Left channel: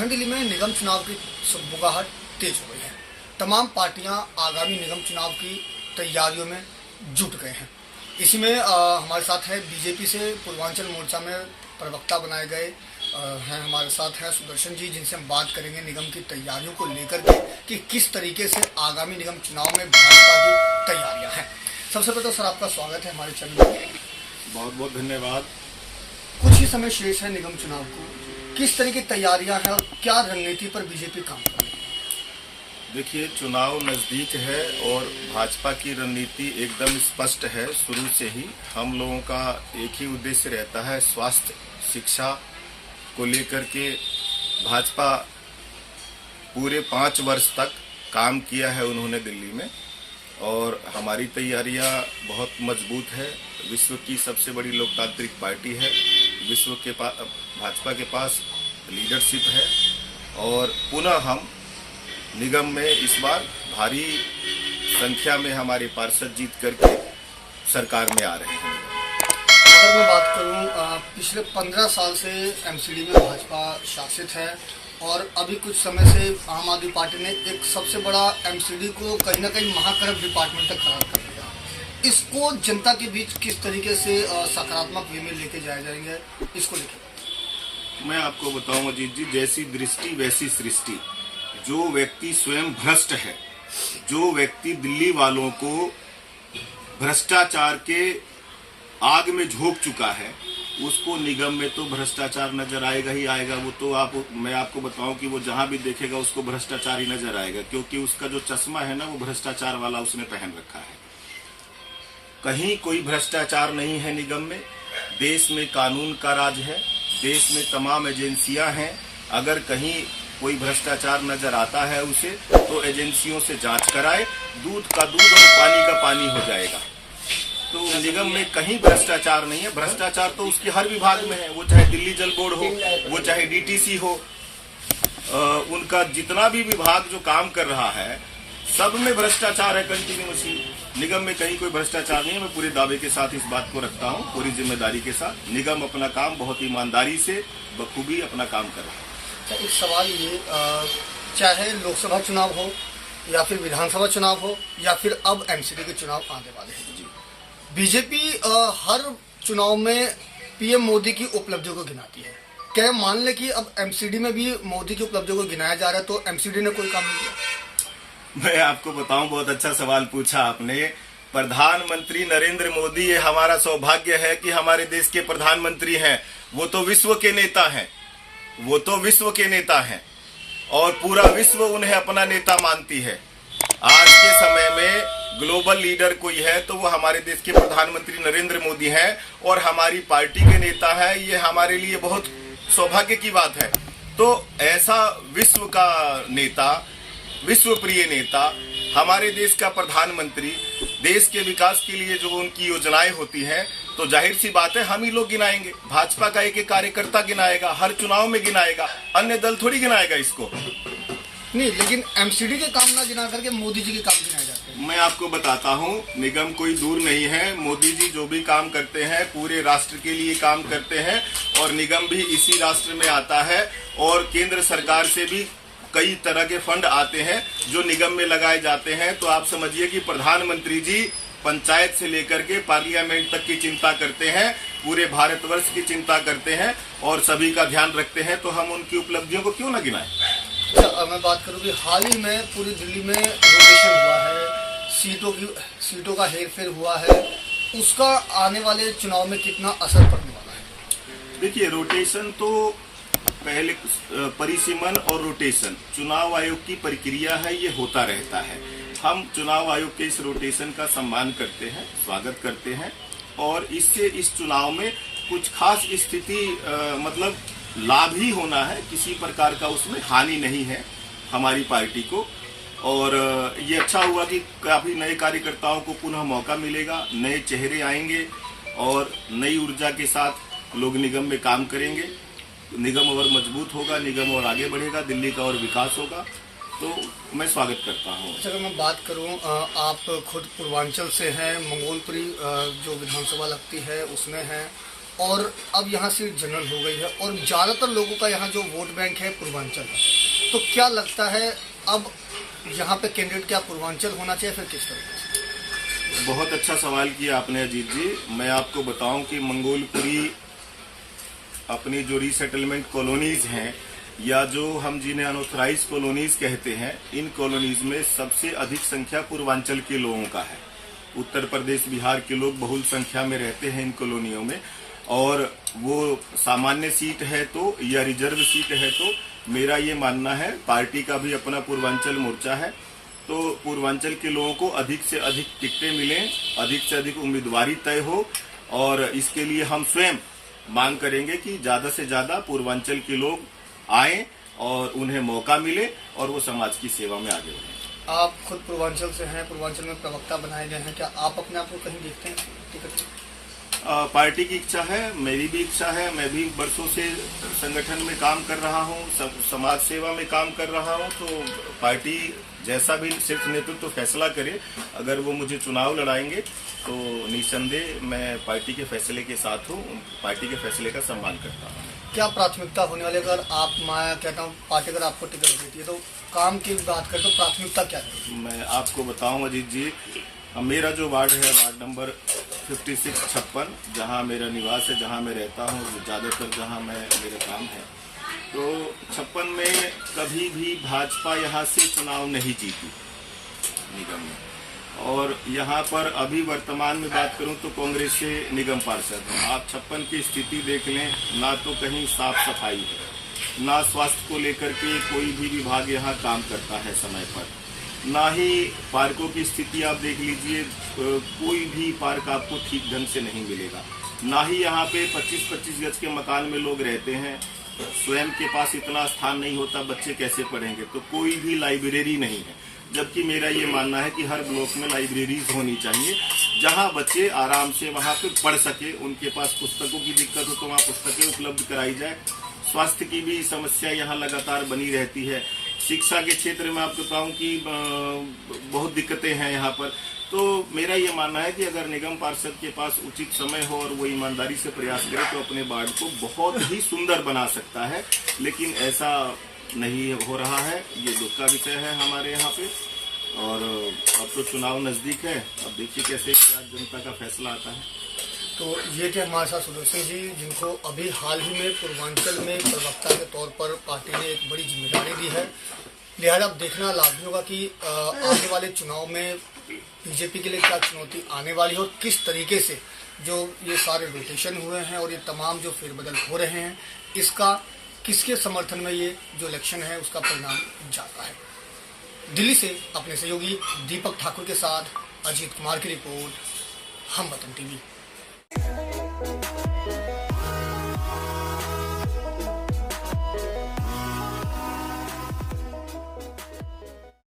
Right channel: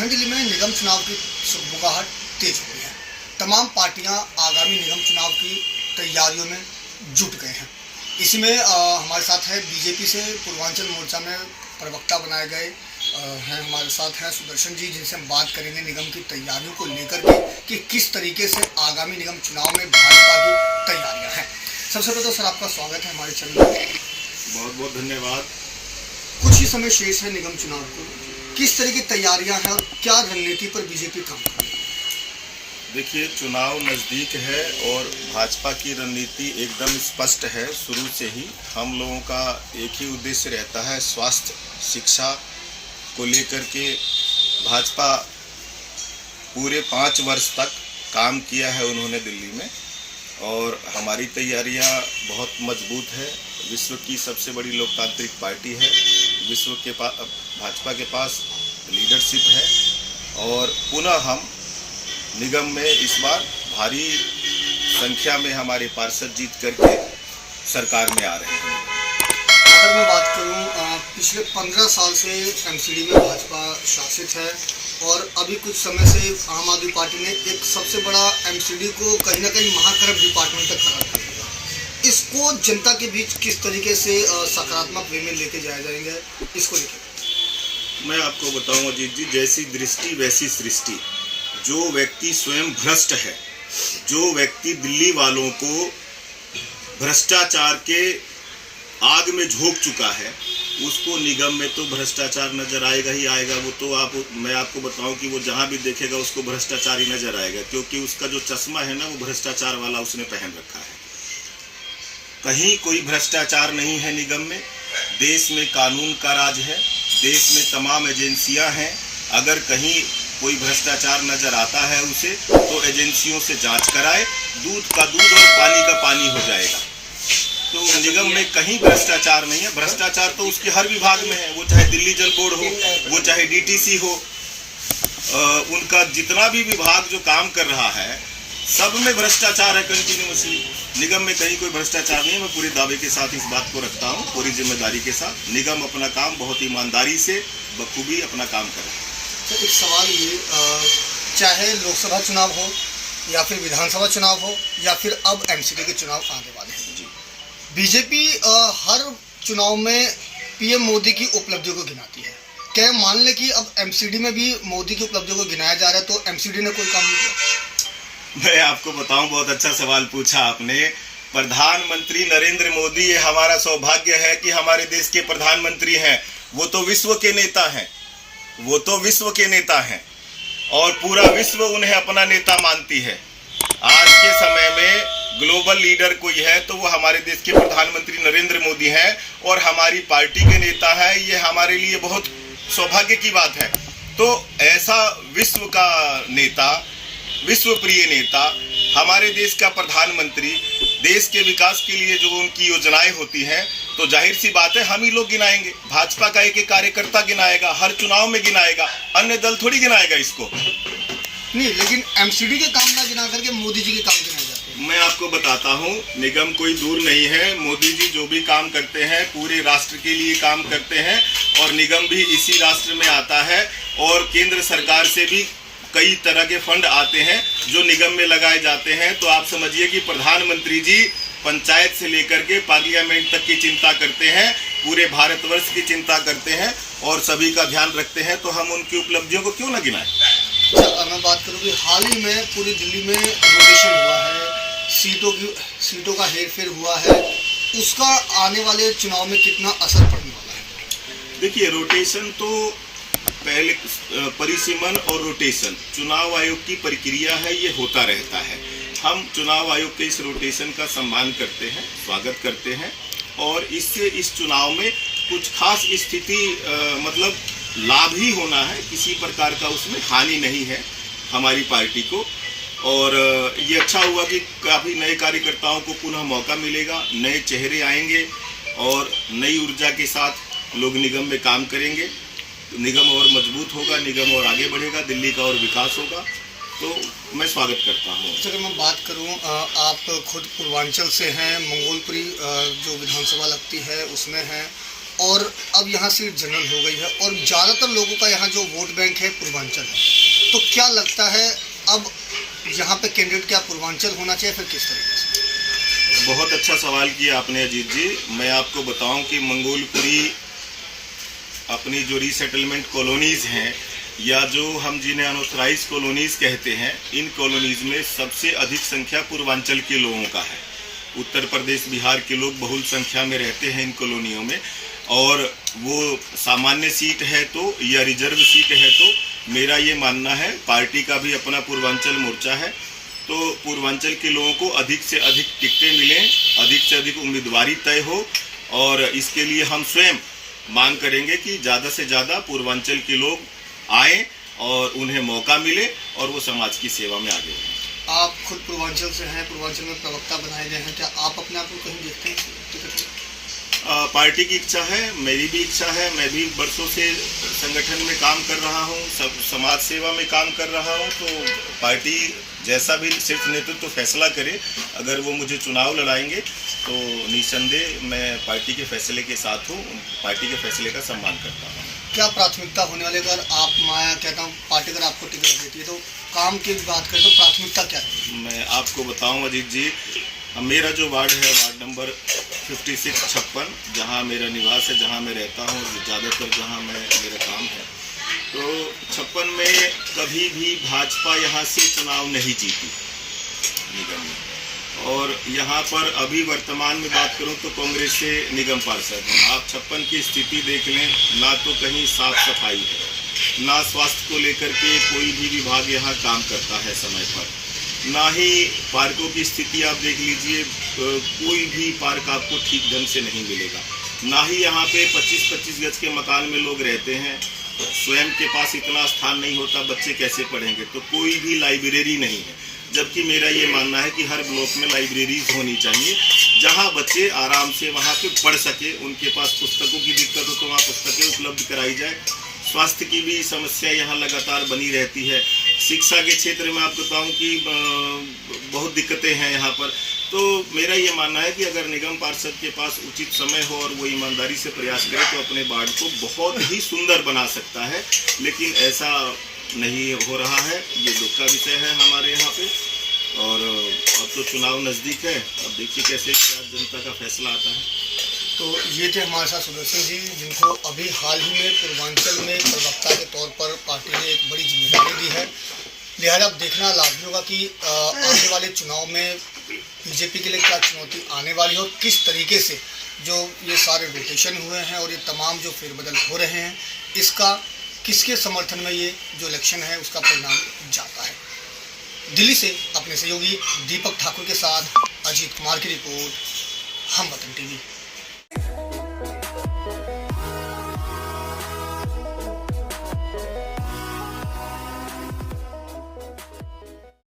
नई दिल्ली में निगम चुनाव की बुगाहट तेज हो गई है। तमाम पार्टियां आगामी निगम चुनाव की तैयारियों में जुट गए हैं। इसी में हमारे साथ है बीजेपी से पूर्वांचल मोर्चा में प्रवक्ता बनाए गए हैं, हमारे साथ हैं सुदर्शन जी, जिनसे हम बात करेंगे निगम की तैयारियों को लेकर के कि किस तरीके से आगामी निगम चुनाव में भाजपा की तैयारियां हैं। सबसे पहले तो सर आपका स्वागत है हमारे चैनल में। बहुत बहुत धन्यवाद। कुछ ही समय शेष है निगम चुनाव को, किस तरह की तैयारियां हैं और क्या रणनीति पर बीजेपी काम कर रही है? देखिए, चुनाव नज़दीक है और भाजपा की रणनीति एकदम स्पष्ट है। शुरू से ही हम लोगों का एक ही उद्देश्य रहता है, स्वास्थ्य शिक्षा को लेकर के भाजपा पूरे 5 वर्ष तक काम किया है उन्होंने दिल्ली में, और हमारी तैयारियां बहुत मजबूत है। विश्व की सबसे बड़ी लोकतांत्रिक पार्टी है, विश्व के पास भाजपा के पास लीडरशिप है, और पुनः हम निगम में इस बार भारी संख्या में हमारे पार्षद जीत करके सरकार में आ रहे हैं। अगर मैं बात करूं, पिछले 15 साल से एमसीडी में भाजपा शासित है और अभी कुछ समय से आम आदमी पार्टी ने एक सबसे बड़ा एमसीडी को कहीं ना कहीं महाकरप्ट डिपार्टमेंट तक खड़ा कर दिया। इसको जनता के बीच किस तरीके से सकारात्मक वे में लेके जाए जाएंगे, इसको लेकर मैं आपको बताऊं अजीत जी, जैसी दृष्टि वैसी सृष्टि। जो व्यक्ति स्वयं भ्रष्ट है, जो व्यक्ति दिल्ली वालों को भ्रष्टाचार के आग में झोंक चुका है, उसको निगम में तो भ्रष्टाचार नजर आएगा ही आएगा। वो तो मैं आपको बताऊं कि वो जहां भी देखेगा उसको भ्रष्टाचार ही नजर आएगा, क्योंकि उसका जो चश्मा है ना, वो भ्रष्टाचार वाला उसने पहन रखा है। कहीं कोई भ्रष्टाचार नहीं है निगम में। देश में कानून का राज है, देश में तमाम एजेंसियां हैं। अगर कहीं कोई भ्रष्टाचार नजर आता है उसे, तो एजेंसियों से जांच कराए, दूध का दूध और पानी का पानी हो जाएगा। तो निगम में कहीं भ्रष्टाचार नहीं है। भ्रष्टाचार तो उसके हर विभाग में है, वो चाहे दिल्ली जल बोर्ड हो, वो चाहे डीटीसी हो, उनका जितना भी विभाग जो काम कर रहा है, सब में भ्रष्टाचार है कंटिन्यूअसली। निगम में कहीं कोई भ्रष्टाचार नहीं है। मैं पूरे दावे के साथ इस बात को रखता हूँ, पूरी जिम्मेदारी के साथ। निगम अपना काम बहुत ईमानदारी से बखूबी अपना काम कर रहा है। तो एक सवाल ये, चाहे लोकसभा चुनाव हो या फिर विधानसभा चुनाव हो या फिर अब एमसीडी के चुनाव आने वाले हैं जी, बीजेपी हर चुनाव में पीएम मोदी की उपलब्धियों को गिनाती है। क्या मान लें कि अब एमसीडी में भी मोदी की उपलब्धियों को गिनाया जा रहा है, तो एमसीडी ने कोई काम नहीं किया? मैं आपको बताऊं, बहुत अच्छा सवाल पूछा आपने। प्रधानमंत्री नरेंद्र मोदी, ये हमारा सौभाग्य है कि हमारे देश के प्रधानमंत्री हैं। वो तो विश्व के नेता हैं, वो तो विश्व के नेता हैं, और पूरा विश्व उन्हें अपना नेता मानती है। आज के समय में ग्लोबल लीडर कोई है तो वो हमारे देश के प्रधानमंत्री नरेंद्र मोदी हैं, और हमारी पार्टी के नेता हैं। ये हमारे लिए बहुत सौभाग्य की बात है। तो ऐसा विश्व का नेता, विश्व प्रिय नेता, हमारे देश का प्रधानमंत्री, देश के विकास के लिए जो उनकी योजनाएं होती हैं, तो जाहिर सी बात है हम ही लोग गिनाएंगे। भाजपा का एक कार्यकर्ता गिनाएगा, हर चुनाव में गिनाएगा, अन्य दल थोड़ी गिनाएगा इसको। नहीं, लेकिन एमसीडी के काम ना गिना करके मोदी जी के काम गिनाए जाते हैं। मैं आपको बताता हूं, निगम कोई दूर नहीं है। मोदी जी जो भी काम करते हैं पूरे राष्ट्र के लिए काम करते हैं, और निगम भी इसी राष्ट्र में आता है। और केंद्र सरकार से भी कई तरह के फंड आते हैं जो निगम में लगाए जाते हैं। तो आप समझिए कि प्रधानमंत्री जी पंचायत से लेकर के पार्लियामेंट तक की चिंता करते हैं, पूरे भारतवर्ष की चिंता करते हैं और सभी का ध्यान रखते हैं। तो हम उनकी उपलब्धियों को क्यों ना गिनाएं। अच्छा, मैं बात करूँ कि हाल ही में पूरी दिल्ली में रोटेशन हुआ है, सीटों का हेरफेर हुआ है, उसका आने वाले चुनाव में कितना असर पड़ने वाला है? देखिए, रोटेशन तो पहले परिसीमन और रोटेशन चुनाव आयोग की प्रक्रिया है, ये होता रहता है। हम चुनाव आयोग के इस रोटेशन का सम्मान करते हैं, स्वागत करते हैं, और इससे इस चुनाव में कुछ खास स्थिति मतलब लाभ ही होना है, किसी प्रकार का उसमें हानि नहीं है हमारी पार्टी को। और ये अच्छा हुआ कि काफ़ी नए कार्यकर्ताओं को पुनः मौका मिलेगा, नए चेहरे आएंगे और नई ऊर्जा के साथ लोग निगम में काम करेंगे। निगम और मजबूत होगा, निगम और आगे बढ़ेगा, दिल्ली का और विकास होगा। तो मैं स्वागत करता हूँ। अगर मैं बात करूँ, आप खुद पूर्वांचल से हैं, मंगोलपुरी जो विधानसभा लगती है उसमें हैं, और अब यहाँ सीट जनरल हो गई है और ज़्यादातर लोगों का यहाँ जो वोट बैंक है पूर्वांचल है, तो क्या लगता है अब यहाँ पे कैंडिडेट क्या पूर्वांचल होना चाहिए, फिर किस तरीके से? बहुत अच्छा सवाल किया आपने अजीत जी। मैं आपको बताऊं कि मंगोलपुरी अपनी जो रीसेटलमेंट कॉलोनीज़ हैं या जो हम जिन्हें अनऑथराइज कॉलोनीज़ कहते हैं, इन कॉलोनीज़ में सबसे अधिक संख्या पूर्वांचल के लोगों का है। उत्तर प्रदेश बिहार के लोग बहुल संख्या में रहते हैं इन कॉलोनियों में, और वो सामान्य सीट है तो या रिजर्व सीट है तो मेरा ये मानना है, पार्टी का भी अपना पूर्वांचल मोर्चा है, तो पूर्वांचल के लोगों को अधिक से अधिक टिकटें मिलें, अधिक से अधिक उम्मीदवारी तय हो, और इसके लिए हम स्वयं मांग करेंगे कि ज़्यादा से ज़्यादा पूर्वांचल के लोग आएँ और उन्हें मौका मिले और वो समाज की सेवा में आगे बढ़ें। आप खुद पूर्वांचल से हैं, पूर्वांचल में प्रवक्ता बनाए गए हैं, क्या आप अपने आप को कहीं देखते हैं? पार्टी की इच्छा है, मेरी भी इच्छा है। मैं भी वर्षों से संगठन में काम कर रहा हूँ, समाज सेवा में काम कर रहा हूँ, तो पार्टी जैसा भी शीर्ष नेतृत्व फैसला करे, अगर वो मुझे चुनाव लड़ाएंगे तो निस्संदेह मैं पार्टी के फैसले के साथ हूँ, पार्टी के फैसले का सम्मान करता हूँ। क्या प्राथमिकता होने वाली, अगर आप मैं कहता हूँ पार्टी अगर आपको टिकट देती है तो काम की बात करें तो प्राथमिकता क्या है? मैं आपको बताऊँ अजीत जी, मेरा जो वार्ड है, वार्ड नंबर 56 जहाँ मेरा निवास है, जहाँ मैं रहता हूँ, ज़्यादातर जहाँ मेरा काम है, तो 56 में कभी भी भाजपा यहाँ से चुनाव नहीं जीती निगम में, और यहाँ पर अभी वर्तमान में बात करूँ तो कांग्रेस से निगम पार्षद हैं। आप 56 की स्थिति देख लें, ना तो कहीं साफ सफाई है, ना स्वास्थ्य को लेकर के कोई भी विभाग यहाँ काम करता है समय पर, ना ही पार्कों की स्थिति आप देख लीजिए, कोई भी पार्क आपको ठीक ढंग से नहीं मिलेगा, ना ही यहाँ पे 25-25 गज के मकान में लोग रहते हैं, स्वयं के पास इतना स्थान नहीं होता, बच्चे कैसे पढ़ेंगे, तो कोई भी लाइब्रेरी नहीं है। जबकि मेरा ये मानना है कि हर ब्लॉक में लाइब्रेरीज होनी चाहिए, जहाँ बच्चे आराम से वहाँ पे पढ़ सके, उनके पास पुस्तकों की दिक्कत हो तो वहाँ पुस्तकें उपलब्ध कराई जाए। स्वास्थ्य की भी समस्या यहाँ लगातार बनी रहती है। शिक्षा के क्षेत्र में आपको बताऊँ कि बहुत दिक्कतें हैं यहाँ पर। तो मेरा ये मानना है कि अगर निगम पार्षद के पास उचित समय हो और वो ईमानदारी से प्रयास करे तो अपने वार्ड को बहुत ही सुंदर बना सकता है, लेकिन ऐसा नहीं हो रहा है। ये दुख का विषय है हमारे यहाँ पे, और अब तो चुनाव नज़दीक है, अब देखिए कैसे क्या जनता का फैसला आता है। तो ये थे हमारे साथ सुदर्शन जी, जिनको अभी हाल ही में पूर्वांचल में प्रवक्ता के तौर पर पार्टी ने एक बड़ी जिम्मेदारी दी है। लिहाजा अब देखना लाजमी होगा कि आने वाले चुनाव में बीजेपी के लिए क्या चुनौती आने वाली है और किस तरीके से जो ये सारे रोटेशन हुए हैं और ये तमाम जो फेरबदल हो रहे हैं, इसका किसके समर्थन में ये जो इलेक्शन है उसका परिणाम जाता है। दिल्ली से अपने सहयोगी दीपक ठाकुर के साथ अजीत कुमार की रिपोर्ट, हम वतन टीवी।